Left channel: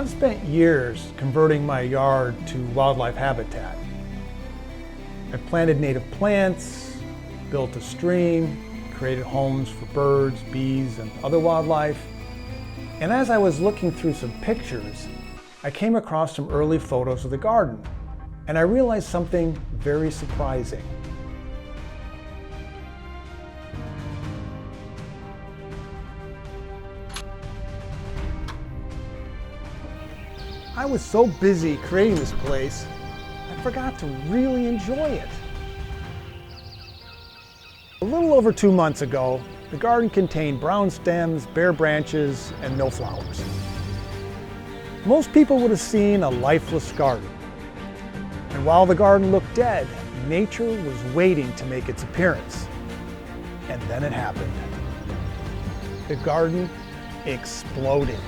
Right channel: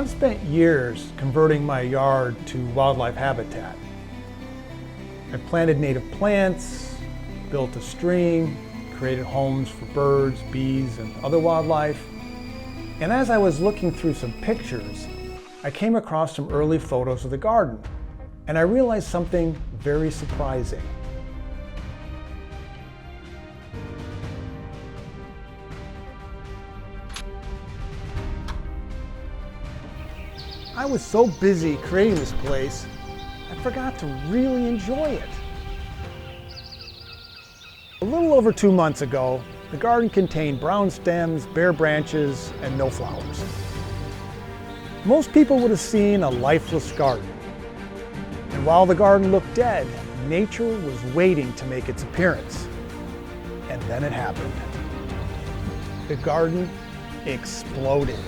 I've spent years converting my yard to wildlife habitat. I've planted native plants, built a stream, created homes for birds, bees, and other wildlife. And as I was looking through some pictures, I came across some early photos of the garden, and I realized something very surprising. I was so busy creating this place, I forgot to really enjoy it. A little over 2 months ago, the garden contained brown stems, bare branches, and no flowers. Most people would have seen a lifeless garden. And while the garden looked dead, nature was waiting to make its appearance. And then it happened. The garden exploded.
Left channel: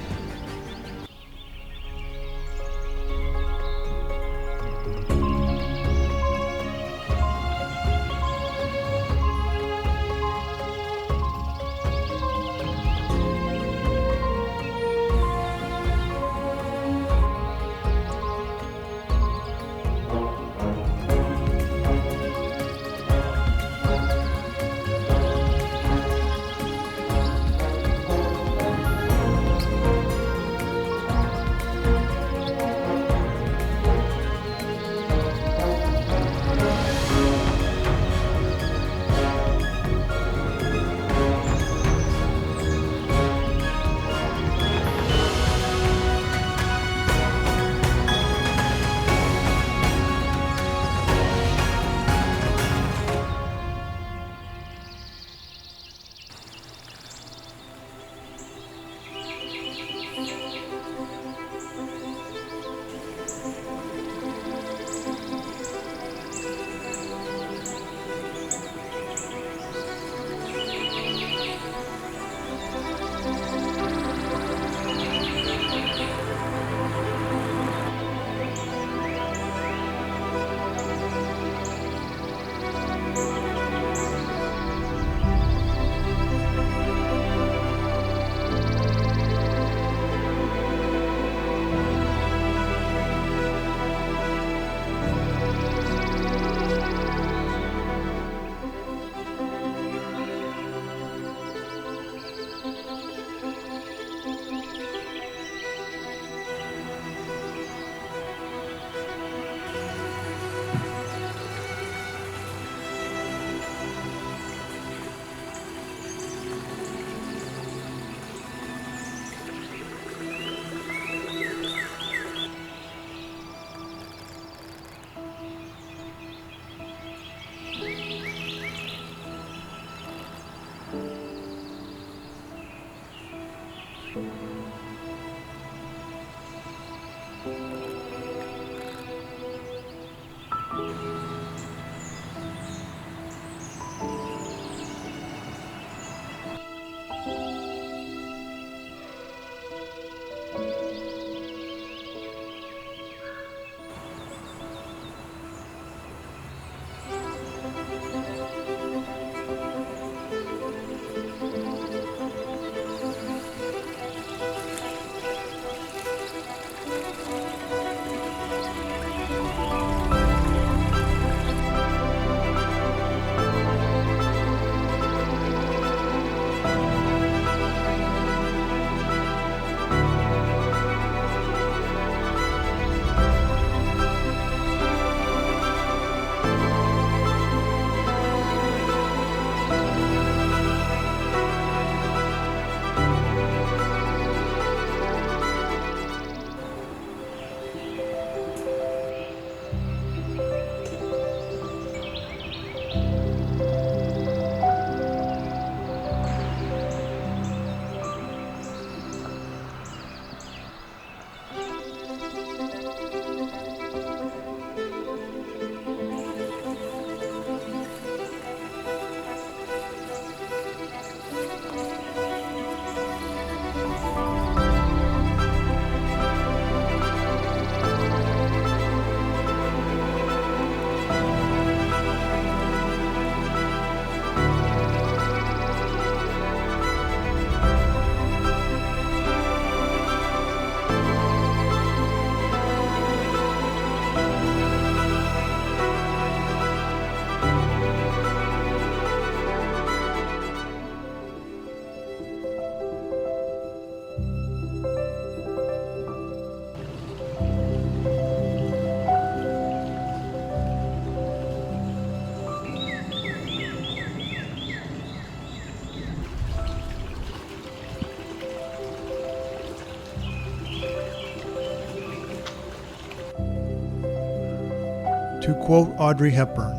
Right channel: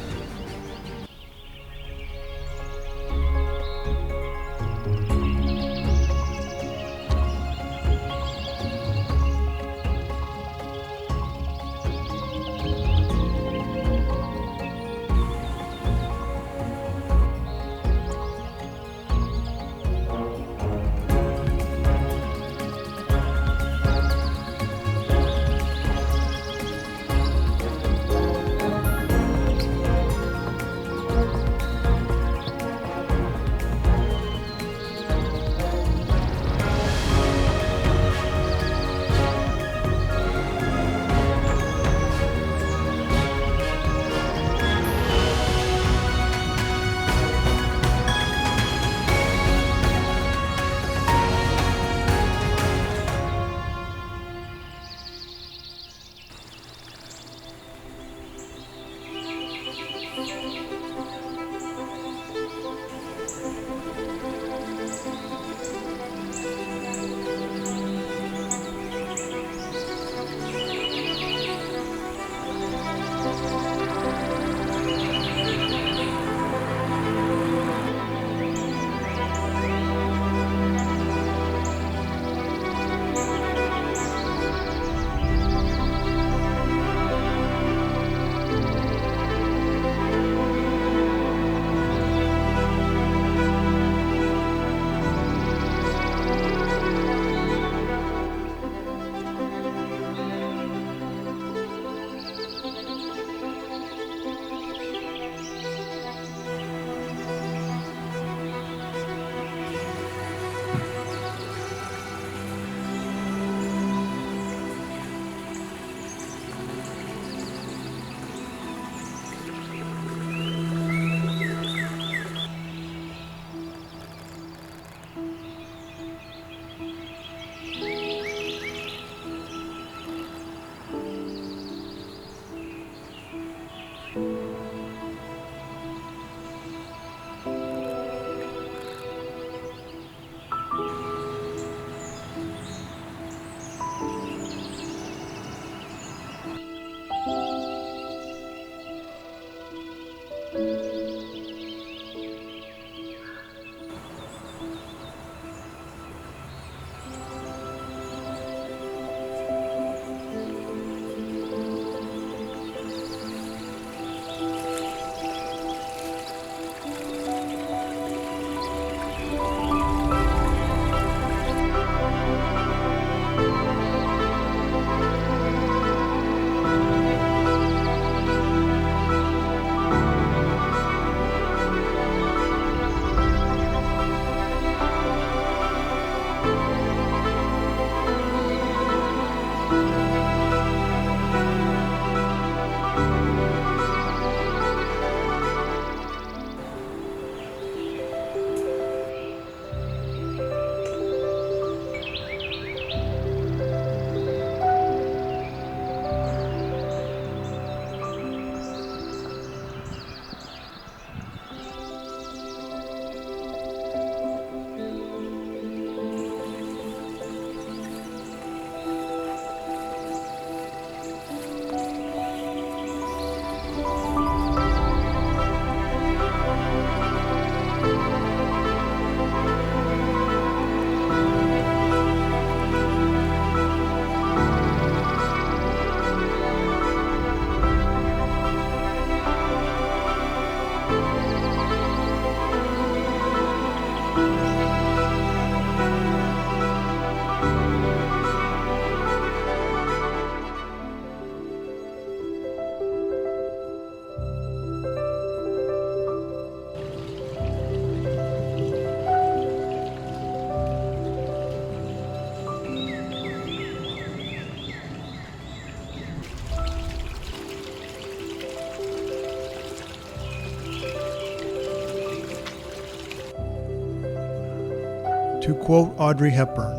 To quote Audrey Hepburn,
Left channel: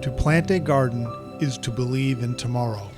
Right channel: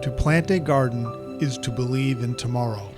"To plant a garden is to believe in tomorrow."